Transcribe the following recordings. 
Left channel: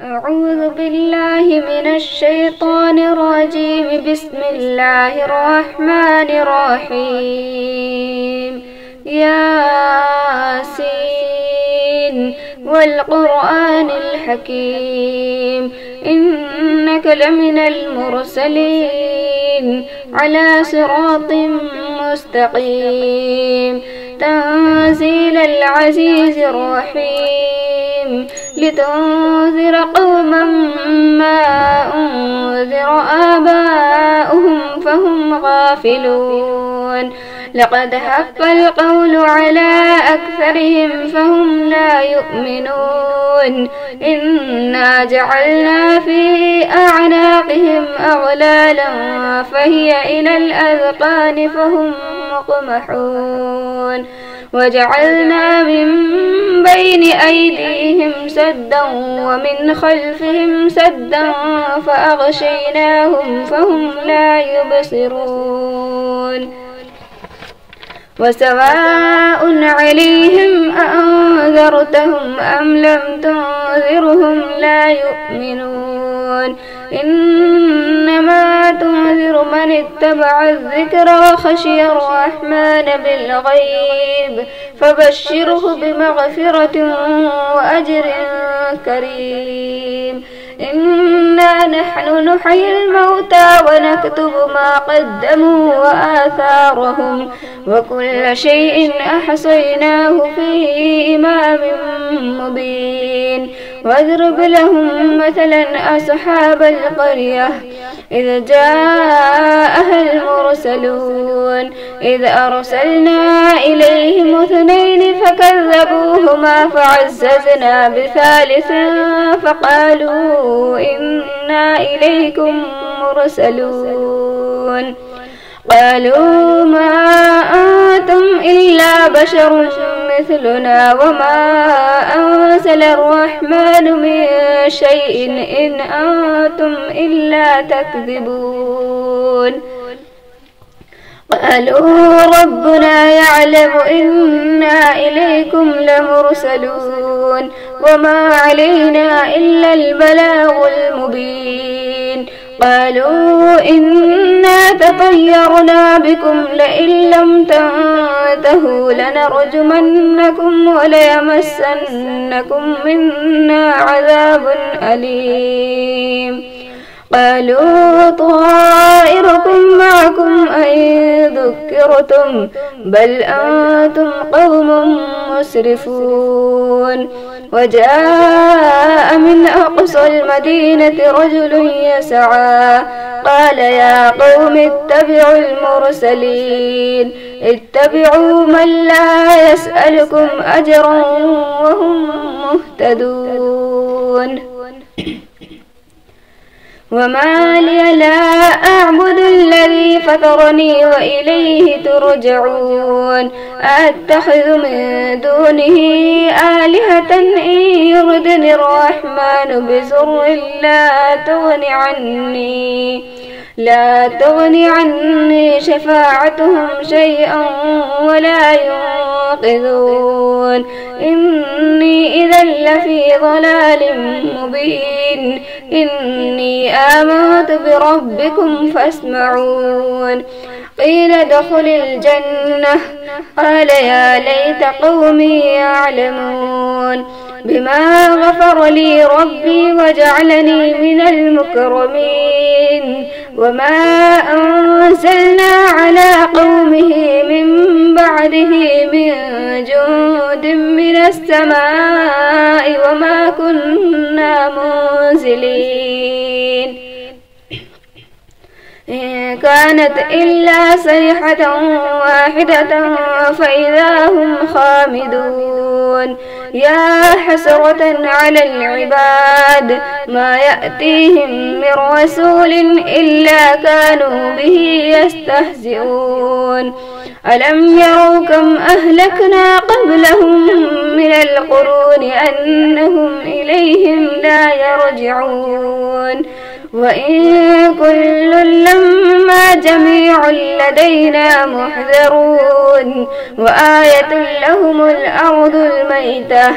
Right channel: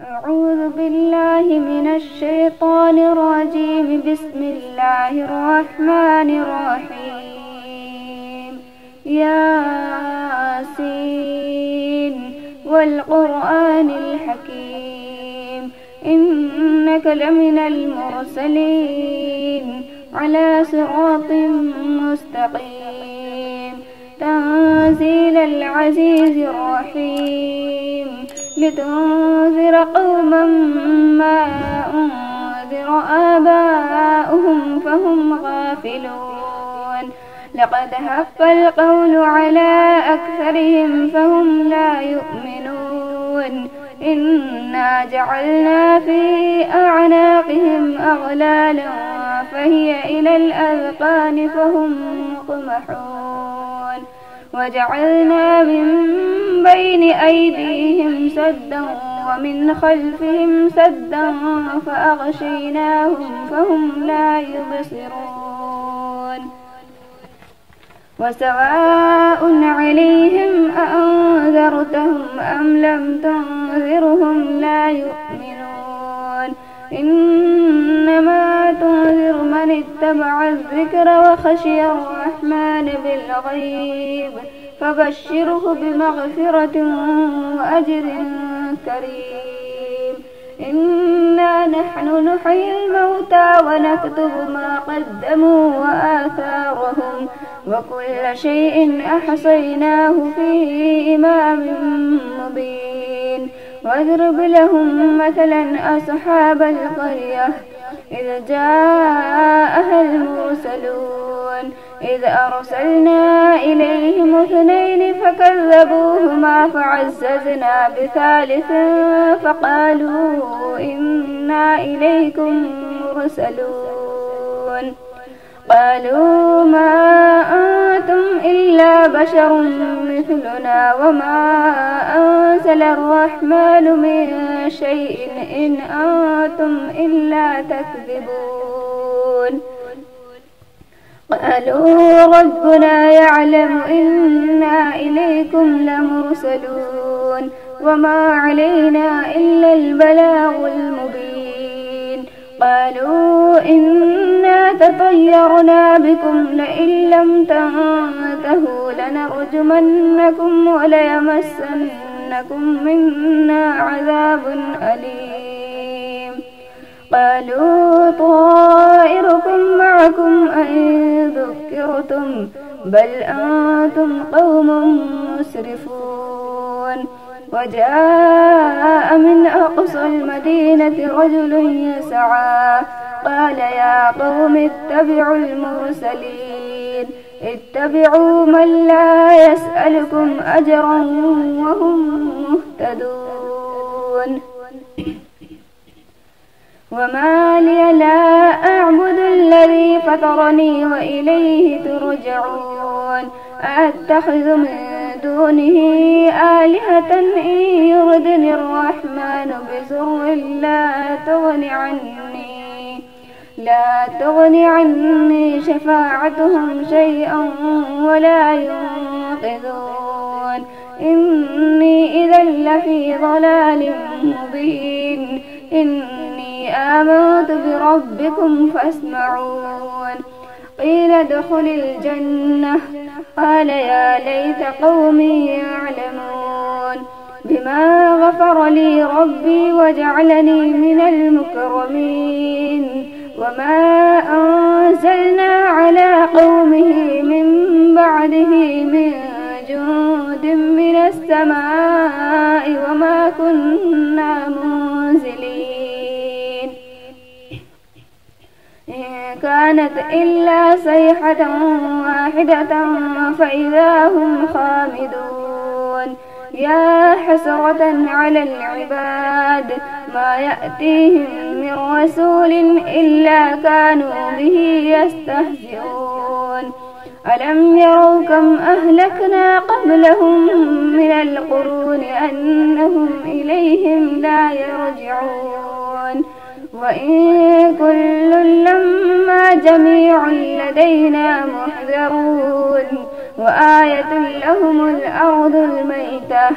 أعوذ بالله من الشيطان الرجيم. بسم الله الرحمن الرحيم. ياسين والقرآن الحكيم إنك لمن المرسلين على صراط مستقيم تنزيل العزيز الرحيم لتنذر قوما ما أنذر آباؤهم فهم غافلون. لقد حق القول على أكثرهم فهم لا يؤمنون. إنا جعلنا في أعناقهم أغلالا فهي إلى الأذقان فهم مقمحون. وجعلنا من بين أيديهم سدا ومن خلفهم سدا فأغشيناهم فهم لا يبصرون. وسواء عليهم أأنذرتهم أم لم تنذرهم لا يؤمنون. إنما تنذر من اتبع الذكر وخشي الرحمن بالغيب فبشره بمغفرة وأجر كريم. إنا نحن نحيي الموتى ونكتب ما قدموا وآثارهم وكل شيء أحصيناه في إمام مبين. واضرب لهم مثلا أصحاب القرية إذ جاءها المرسلون إذ أرسلنا إليهم اثنين فكذبوهما فعززنا بثالث فقالوا إنا إليكم مرسلون. قالوا ما أنتم إلا بشر مثلنا وما أنزل الرحمن من شيء إن أنتم إلا تكذبون. قالوا ربنا يعلم إنا إليكم لمرسلون وما علينا إلا البلاغ المبين. قالوا إنا تطيرنا بكم لئن لم تنتهوا لنرجمنكم وليمسنكم منا عذاب أليم. قالوا طائركم معكم أئن ذكرتم بل أنتم قوم مسرفون. وجاء من أقصى المدينة رجل يسعى قال يا قوم اتبعوا المرسلين اتبعوا من لا يسألكم أجرا وهم مهتدون. وما لي لا أعبد الذي فطرني وإليه ترجعون. أتخذ من دونه آلهة إن يردني الرحمن بضر لا تغن عني شفاعتهم شيئا ولا ينقذون. إني إذا لفي ضلال مبين. إني آمنت بربكم فاسمعون. قيل ادخل الجنة قال يا ليت قومي يعلمون بما غفر لي ربي وجعلني من المكرمين. وما أنزلنا على قومه من بعده من جند من السماء وما كنا منزلين. إن كانت إلا صيحة واحدة فإذا هم خامدون. يا حسرة على العباد ما يأتيهم من رسول إلا كانوا به يستهزئون. ألم يروا كم أهلكنا قبلهم من القرون أنهم إليهم لا يرجعون. وإن كل لما جميع لدينا محذرون وآية لهم الأرض الميتة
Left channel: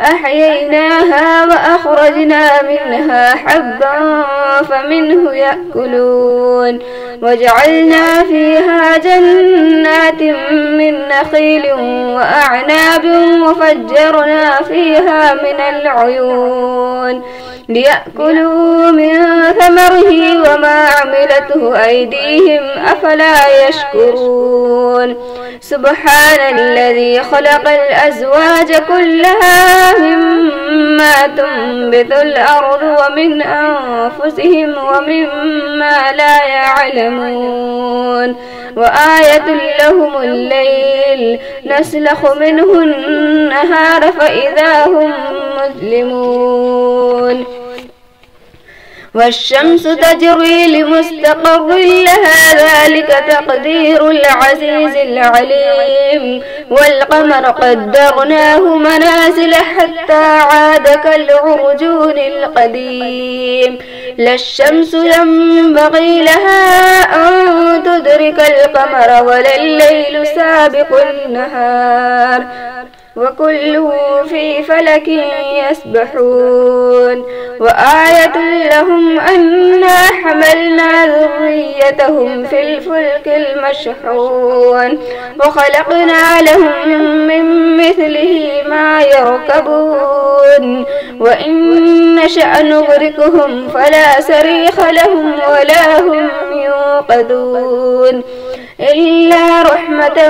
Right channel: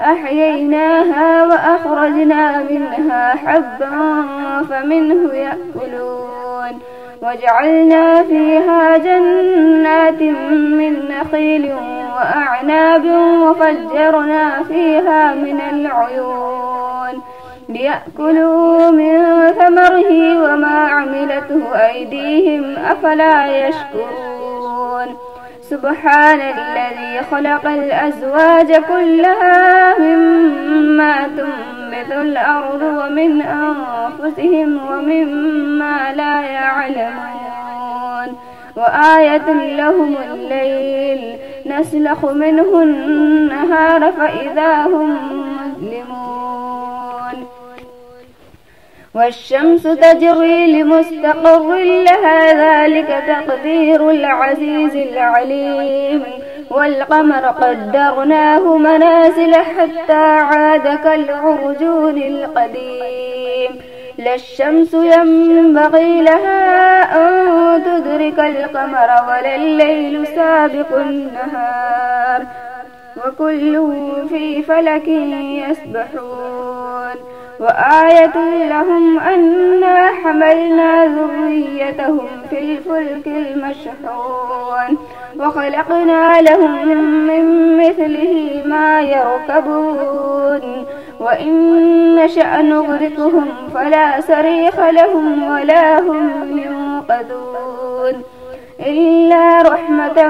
أحييناها وأخرجنا منها حبا فمنه يأكلون وجعلنا فيها جنات من نخيل وأعناب وفجرنا فيها من العيون ليأكلوا من ثمره وما عملته أيديهم أفلا يشكرون سبحان الذي خلق الأزواج كلها مما تنبت الأرض ومن أنفسهم ومما لا يعلمون وآية لهم الليل نسلخ منه النهار فإذا هم مظلمون والشمس تجري لمستقر لها ذلك تقدير العزيز العليم والقمر قدرناه منازل حتى عاد كالعرجون القديم لا الشمس ينبغي لها أن تدرك القمر ولا الليل سابق النهار وكل في فلك يسبحون وآية لهم أنا حملنا ذريتهم في الفلك المشحون وخلقنا لهم من مثله ما يركبون وإن نشأ نغرقهم فلا صريخ لهم ولا هم ينقذون إلا رحمة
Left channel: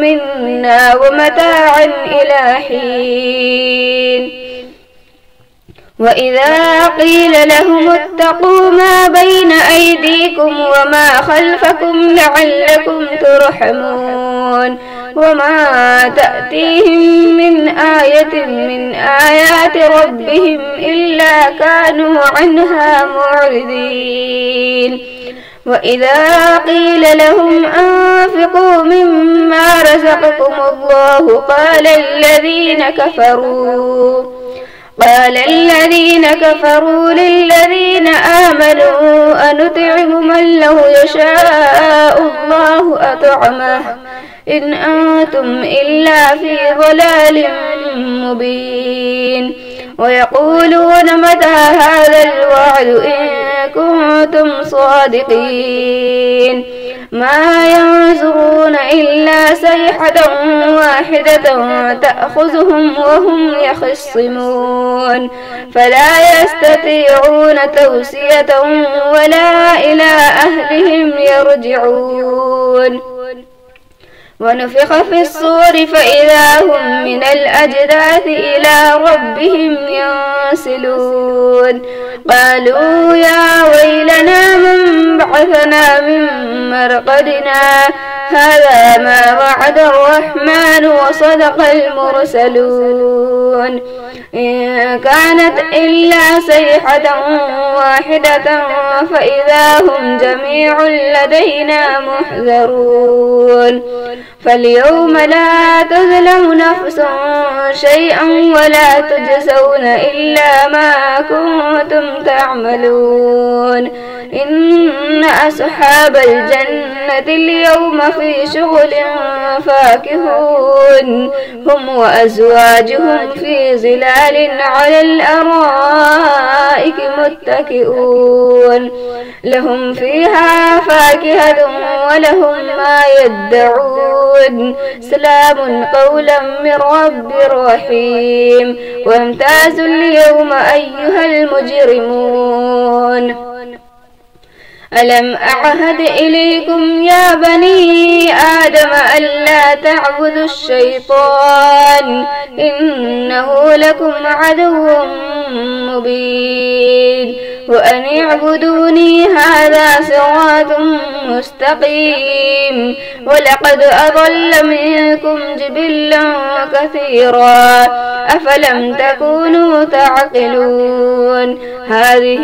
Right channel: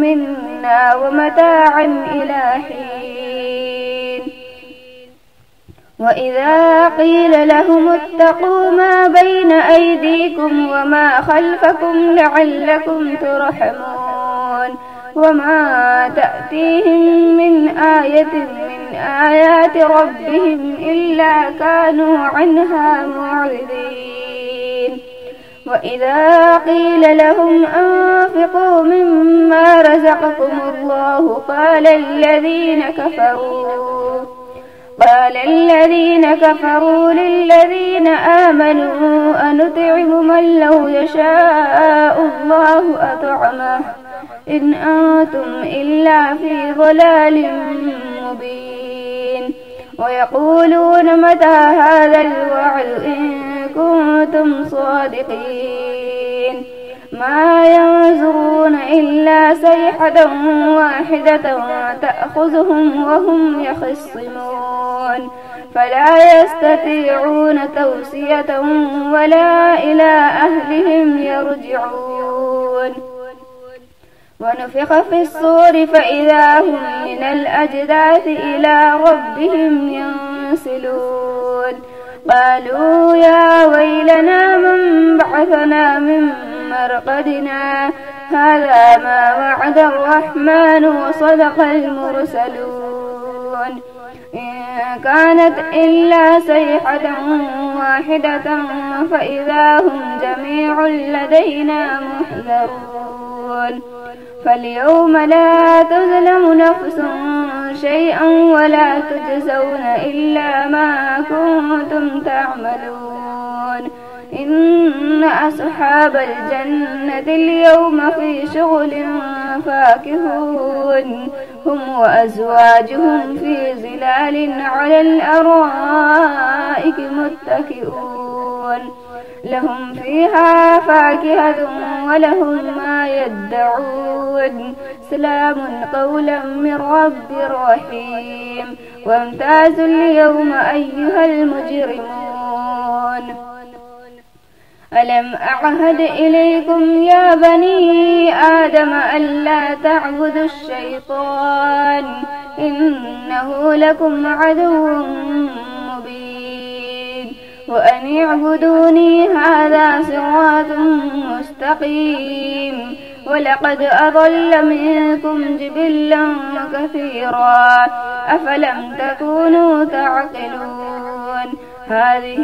منا ومتاعا إلى حين وإذا قيل لهم اتقوا ما بين أيديكم وما خلفكم لعلكم ترحمون وما تأتيهم من آية من آيات ربهم إلا كانوا عنها معرضين وإذا قيل لهم أنفقوا مما رزقكم الله قال الذين كفروا للذين آمنوا أنطعم من لو يشاء الله أطعمه إن أنتم إلا في ضلال مبين ويقولون متى هذا الوعد إن كنتم صادقين ما ينظرون إلا صيحة واحدة تأخذهم وهم يخصمون فلا يستطيعون توصية ولا إلى أهلهم يرجعون ونفخ في الصور فإذا هم من الأجداث إلى ربهم ينسلون قالوا يا ويلنا من بعثنا من مرقدنا هذا ما وعد الرحمن وصدق المرسلون إن كانت إلا صيحة واحدة فإذا هم جميع لدينا محذرون فاليوم لا تظلم نفس شيئا ولا تجزون إلا ما كنتم تعملون إن أصحاب الجنة اليوم في شغل فاكهون هم وأزواجهم في ظلال على الأرائك متكئون لهم فيها فاكهة ولهم ما يدعون سلام قولا من رب رحيم وامتازوا اليوم أيها المجرمون ألم أعهد إليكم يا بني آدم ألا تعبدوا الشيطان إنه لكم عدو مبين وأن اعبدوني هذا صراط مستقيم ولقد أضل منكم جبلا كثيرا أفلم تكونوا تعقلون هذه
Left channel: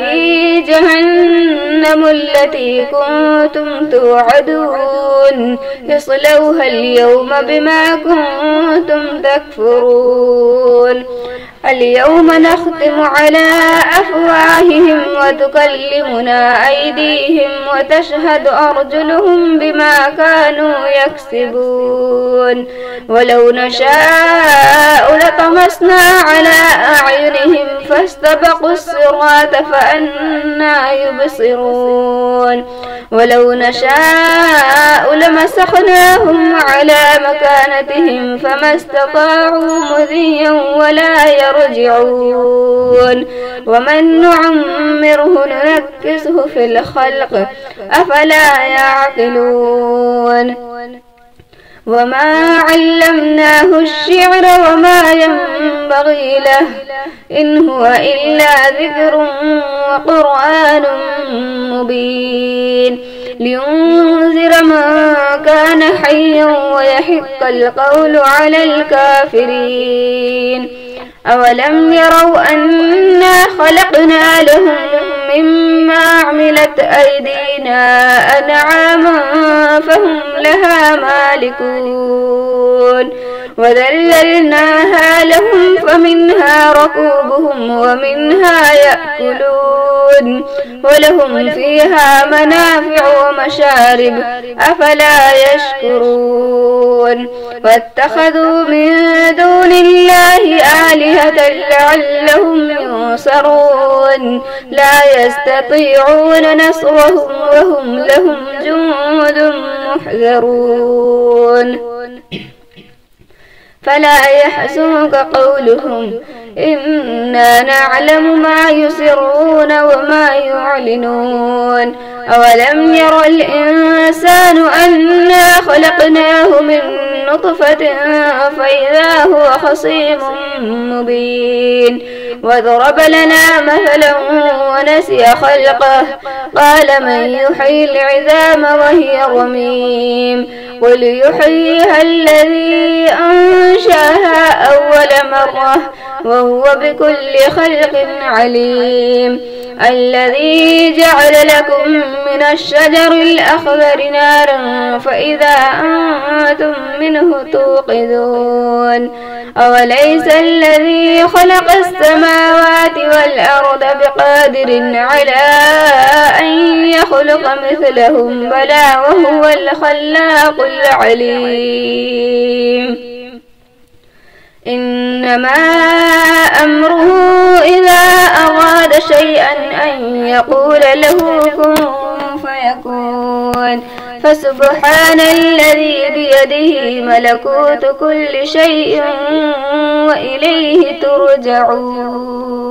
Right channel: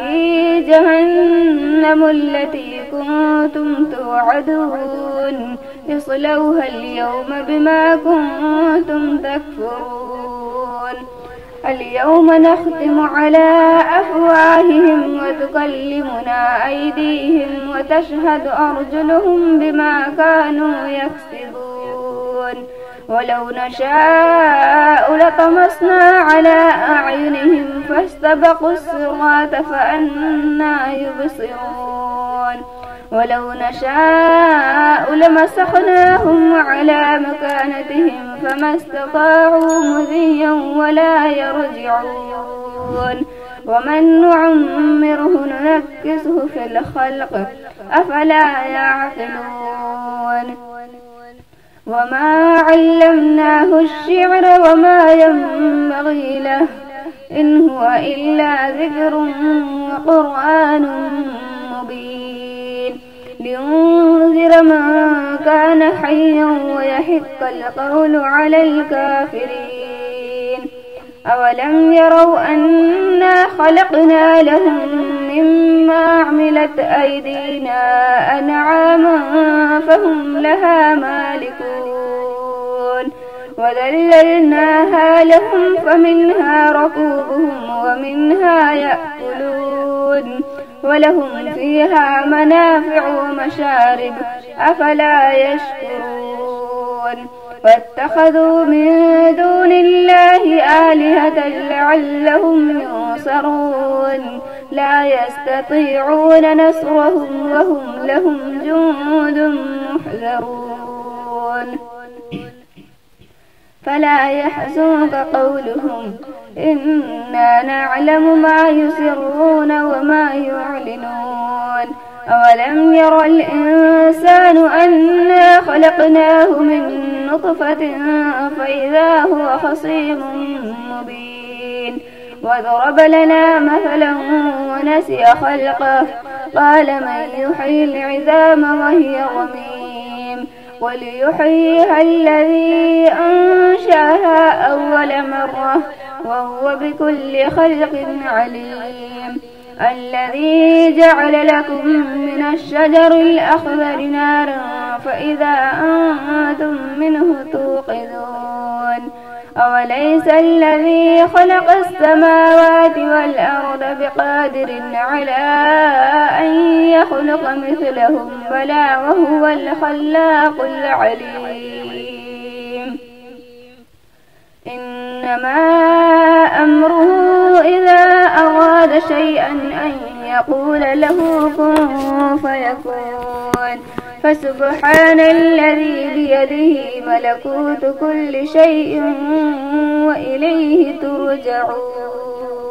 جهنم التي كنتم توعدون اصلوها اليوم بما كنتم تكفرون اليوم نختم على أفواههم وتكلمنا أيديهم وتشهد أرجلهم بما كانوا يكسبون ولو نشاء لطمسنا على أعينهم فاستبقوا الصراط فأنى يبصرون ولو نشاء لمسخناهم على مكانتهم فما استطاعوا مضيا ولا يرجعون ومن نعمره ننكسه في الخلق أفلا يعقلون وما علمناه الشعر وما ينبغي له إن هو إلا ذكر وقرآن مبين لينذر من كان حيا ويحق القول على الكافرين أولم يروا أنا خلقنا لهم مما عملت أيدينا أنعاما فهم لها مالكون وذللناها لهم فمنها ركوبهم ومنها يأكلون ولهم فيها منافع ومشارب أفلا يشكرون واتخذوا من دون الله آلهة لعلهم ينصرون لا يستطيعون نصرهم وهم لهم جند محذرون فلا يحزنك قولهم إنا نعلم ما يسرون وما يعلنون أولم ير الإنسان أنا خلقناه من نطفة فإذا هو خصيم مبين وضرب لنا مثلا ونسي خلقه قال من يحيي العظام وهي رميم قل يحييها الذي أنشأها أول مرة وهو بكل خلق عليم الذي جعل لكم من الشجر الأخضر نارا فإذا أنتم منه توقدون أوليس الذي خلق السماوات والأرض بقادر على أن يخلق مثلهم بلى وهو الخلاق العليم إنما أمره إذا أراد شيئا أن يقول له كن فيكون فسبحان الذي بيده ملكوت كل شيء وإليه ترجعون.